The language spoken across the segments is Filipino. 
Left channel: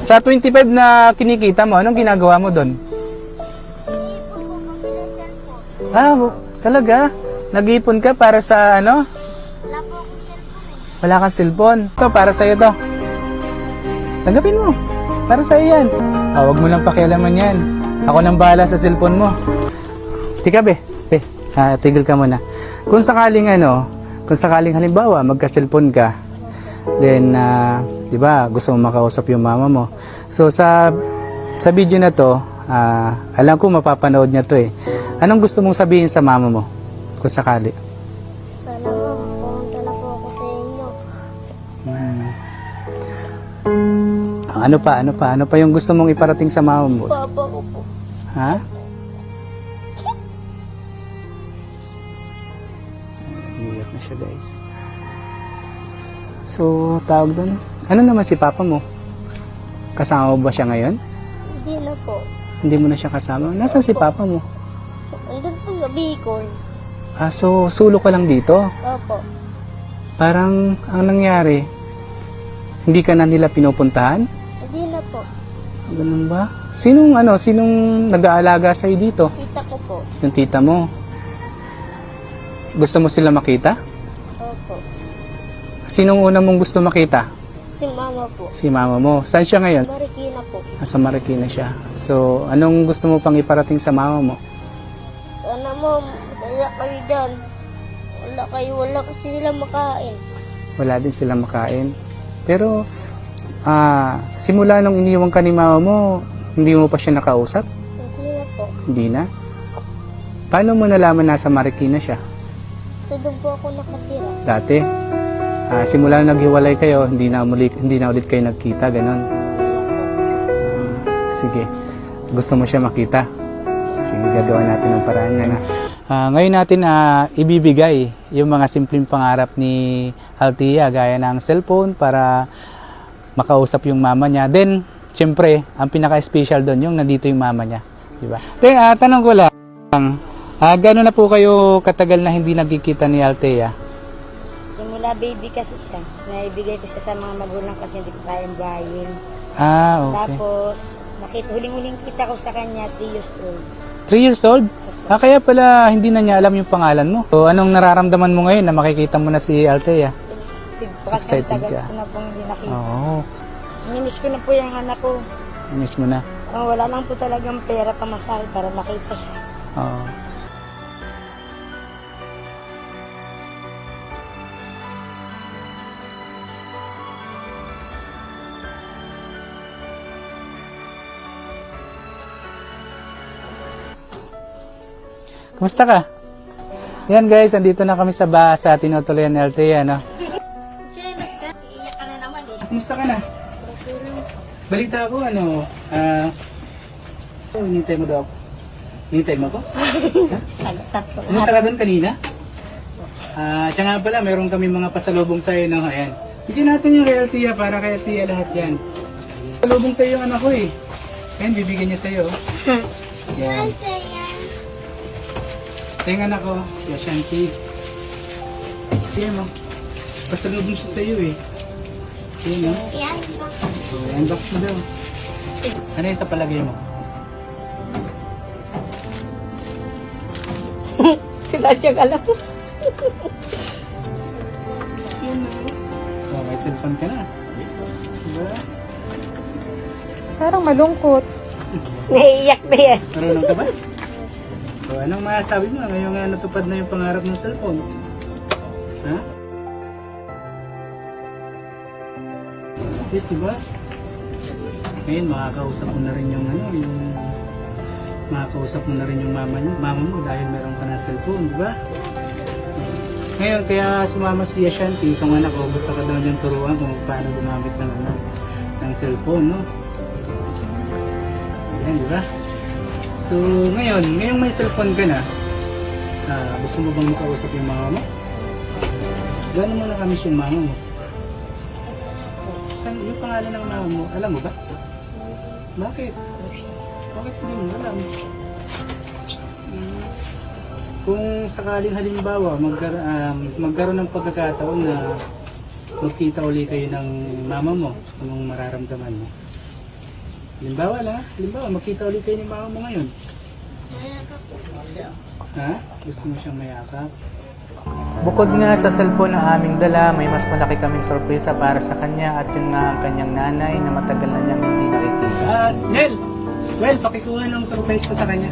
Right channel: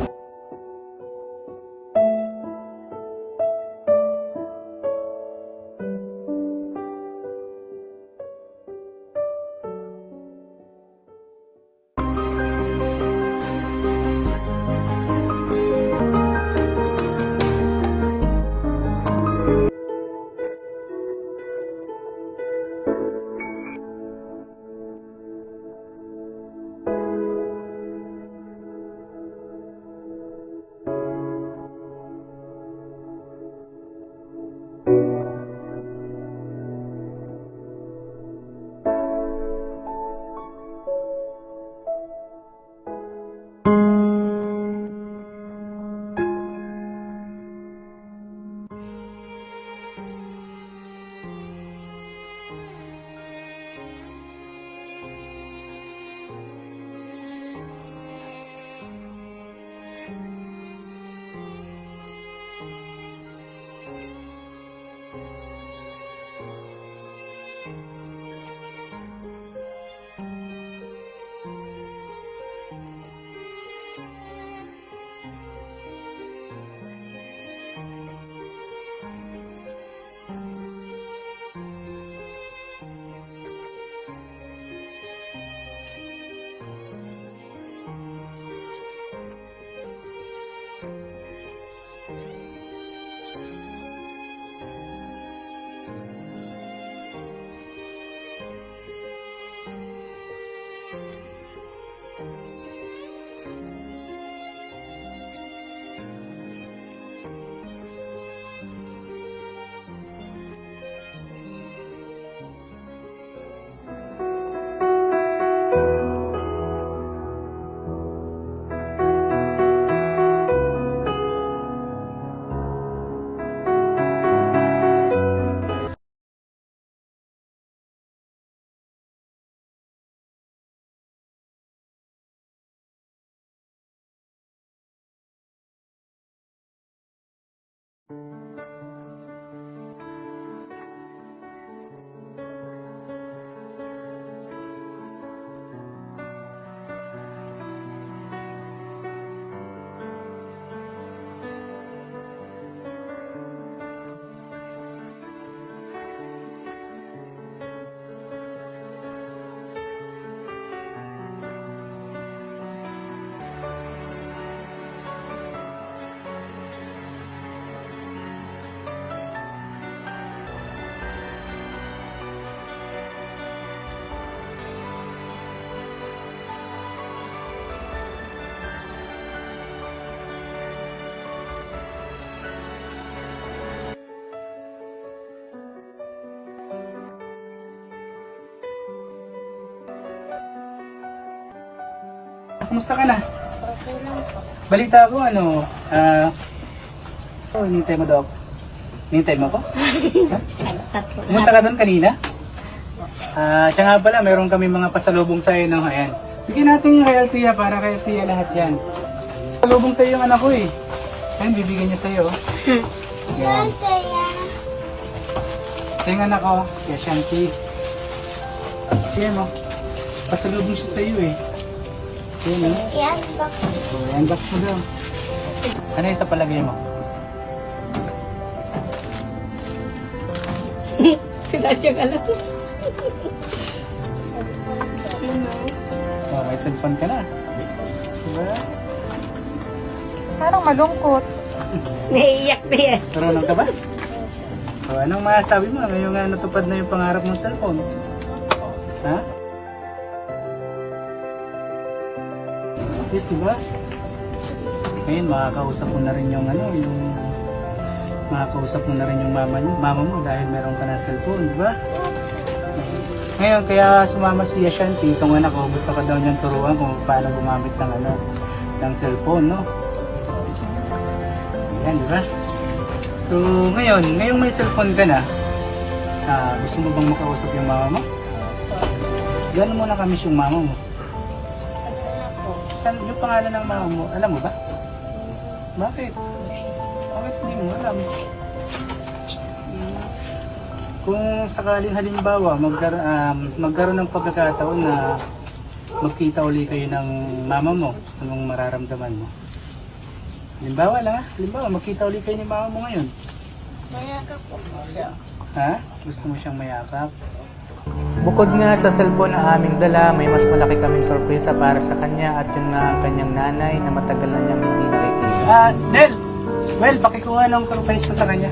Sa 25 na kinikita mo, anong ginagawa mo doon? Ah, talaga? Nag-iipon ka para sa ano? Wala kang cellphone. Ito, para sa'yo to. Tanggapin mo. Para sa'yo yan. Ah, huwag mo lang pakialaman yan. Ako nang bahala sa cellphone mo. Tika, be. Be, ah, tigil ka muna. Kung sakaling ano, kung sakaling halimbawa, magka-cellphone ka, then, ah, di ba, gusto mo makausap yung mama mo. So, sa, sa video na to, ah, alam ko mapapanood niya to eh. Anong gusto mong sabihin sa mama mo? Kung sakali. Sana pumunta na po ako sa inyo. Hmm. Ano pa, ano pa, ano pa yung gusto mong iparating sa mama mo? Papa ko po. Ha? So, tawag doon. Ano naman si papa mo? Kasama mo ba siya ngayon? Hindi na po. Hindi mo na siya kasama? Nasaan si papa mo? Andun po yung Bicol. Ah, so, sulo ka lang dito? Opo. Parang, ang nangyari, hindi ka na nila pinupuntahan? Hindi na po. Ganun ba? Sinong, ano, sinong nag-aalaga sa'yo dito? Kita ko po. Yung tita mo. Gusto mo sila makita? Sinong una mong gusto makita? Si mama po. Si mama mo. Saan siya ngayon? Marikina po. Nasa Marikina siya. So, anong gusto mo pang iparating sa mama mo? Sana mo, masaya kayo dyan. Wala kayo, wala kasi sila makain. Wala din sila makain. Pero, ah, simula nung iniwan ka ni mama mo, hindi mo pa siya nakausap? Hindi na po. Hindi na? Paano mo nalaman nasa Marikina siya? Kasi doon po ako nakatira. Dati? Ah, simula nung naghiwalay kayo, hindi na, muli, hindi na ulit kayo nagkita, ganun. Sige. Gusto mo siya makita? Sige, gagawa natin ng paraan na. Ah, ngayon natin ah, ibibigay yung mga simpleng pangarap ni Altia gaya ng cellphone para makausap yung mama niya. Then, syempre, ang pinaka-special doon yung nandito yung mama niya. Di ba? Then, ah, tanong ko lang, ah, gano'n na po kayo katagal na hindi nagkikita ni Altea? Simula baby kasi siya. Naibigay ko siya sa mga magulang kasi hindi ko kayang bahayin. Ah, okay. Tapos, nakita, huling-huling kita ko sa kanya, 3 years old. 3 years old? Ah, kaya pala hindi na niya alam yung pangalan mo. So, anong nararamdaman mo ngayon na makikita mo na si Altea? Kasi Excited ka? Oo, Minis ko na po yung anak ko. miss mo na. Ang wala lang po talagang pera pamasahe para makita siya. Oo. Kumusta ka? Yan guys, andito na kami sa ba sa tinutuloyan ni Altea, no? Kumusta ka na? Balita ko, ano, ah, oh, hinintay mo daw ako. Hinintay mo ako? Pumunta ka doon kanina? Ah, siya nga pala, meron kami mga pasalubong sa'yo, no? Ayan. Bigyan natin yung kay para kay lahat yan. Pasalubong sa'yo yung anak ko eh. Ayan, bibigyan niya sa'yo. Ayan. Ito yung anak ko, si Ashanti. Ayan mo. Pasalubong siya sa'yo eh. Ayan mo. Yan ba? So, unbox mo daw. Ano yung sa palagay mo? Sila siya alam. Oh, may cellphone ka na. Diba? Parang malungkot. Naiiyak na yan. Marunong ka ba? So, anong masasabi mo ngayong nga natupad na yung pangarap mong cellphone? Ha? Yes, diba? Ngayon, makakausap mo na rin yung ano, yung makakausap mo na rin yung mama, mama mo dahil meron ka na cellphone, di ba? Ngayon, kaya sumama si Ashanti, itong anak ko, gusto ka daw niyang turuan kung paano gumamit ng ano, ng cellphone, no? Ayan, di ba? So, ngayon, ngayong may cellphone ka na, ah, gusto mo bang makausap yung mama mo? Gano'n mo nakamiss yung mama mo? Yung pangalan ng mama mo, alam mo ba? Bakit? Bakit hindi mo alam? Kung sakaling halimbawa magkar um, magkaroon ng pagkakataon na magkita uli kayo ng mama mo, anong mararamdaman mo? Halimbawa lang ha. Halimbawa, magkita ulit kayo ni mama mo ngayon. Mayakap ko po siya. Ha? Gusto mo siyang mayakap? Bukod nga sa cellphone na aming dala, may mas malaki kaming sorpresa para sa kanya at yun nga ang kanyang nanay na matagal na niyang hindi nakikita. Ah, Nel! Well, pakikuha ng surprise ko sa kanya.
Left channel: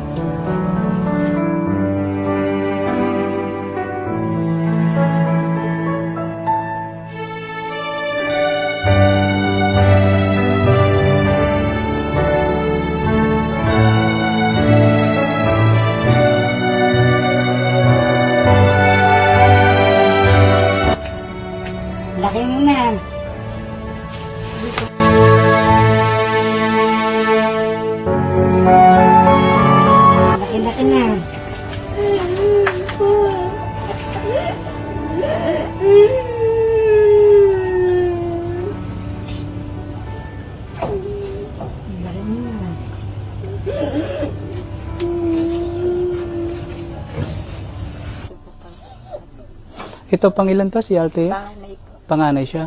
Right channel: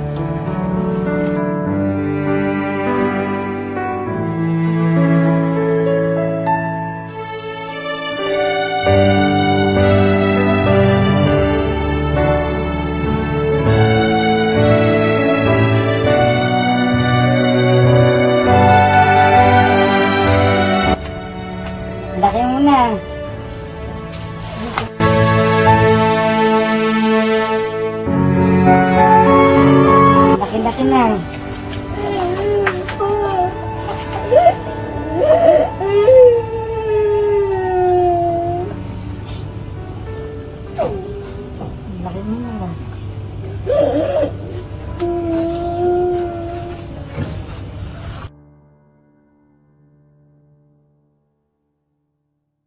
Ito pang ilan to si Ate? Panganay ko. Panganay siya.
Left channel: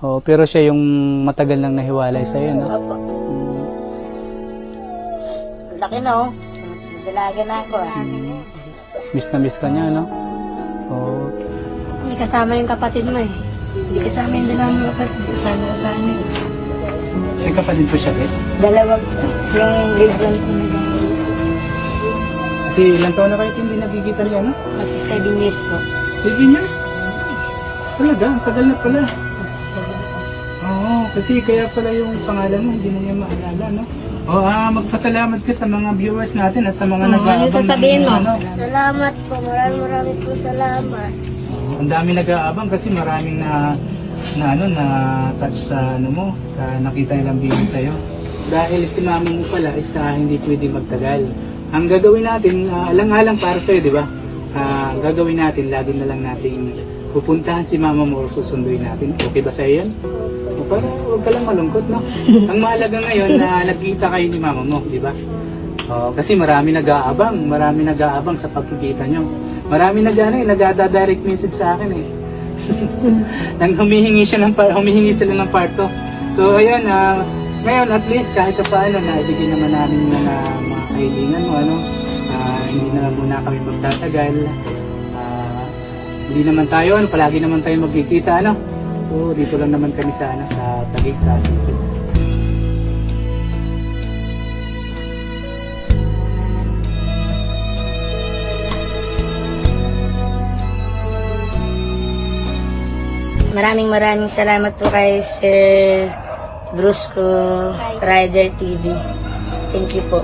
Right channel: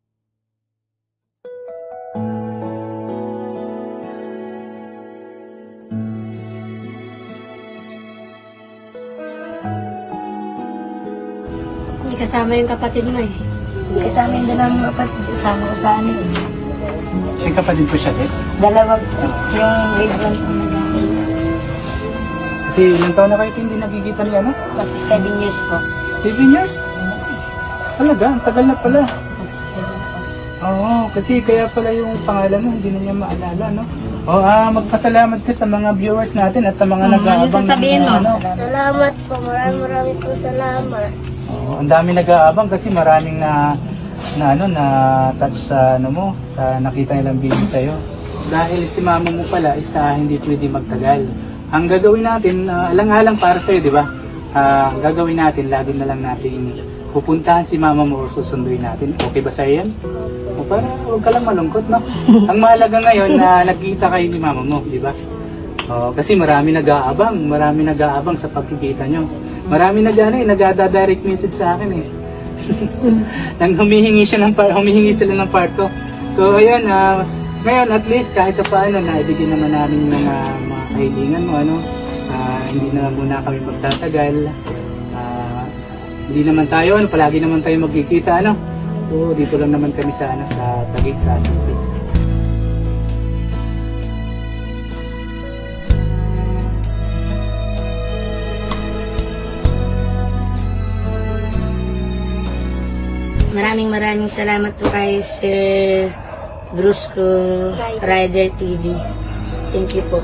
Oh, pero siya yung matagal nang nahiwalay sa iyo, no? Opo. Laki na oh. Dalaga na ako ah. Miss na miss ka niya, no? Oh, Hindi kasama yung kapatid mo eh. Hindi kasama yung dalawang mga kapatid. Kasama ko sa ano eh. may kapatid ko siya, eh. Dalawa yung grade 1 Kasi ilang taon na kayo hindi nagkikita niya, no? Pati 7 years po. Seven years? Talaga, ang tagal na pala. Oo, kasi kaya pala yung pangalan mo, hindi na niya maalala, no? O, ah, magpasalamat ka sa mga viewers natin at sa mga nag-aabang. ano sasabihin mo? ano. Salamat po. Maraming maraming po salamat. Oo, ang dami nag-aabang kasi maraming na na ano na touch sa ano mo sa nakita nilang video sa iyo. Dahil si mama mo pala isa hindi pwede magtagal. Ang gagawin natin, uh, alang-alang para sa iyo, di ba? Ang gagawin natin, lagi na lang natin pupuntahan si mama mo o susunduin natin. Okay ba sa iyo yan? O, para huwag ka lang malungkot, no? ang mahalaga ngayon na nagkita kayo ni mama mo, di ba? Oh, kasi marami nag-aabang, marami nag-aabang sa pagkikita nyo. Marami nag ano, eh, nag-direct message sa akin eh. Nang humihingi siya ng par- humihingi sila ng parto. So ayun, ah, ngayon at least kahit pa paano na ibigay naman namin mga mga kahilingan mo ano. Ah, hindi na muna kami magtatagal. Ah, hindi naman tayo, ano, palagi naman tayo magkikita ano. So dito lang naman kami sa ano, sa Sisig. Maraming maraming salamat po kay Sir Brusco Rider TV. Thank you po.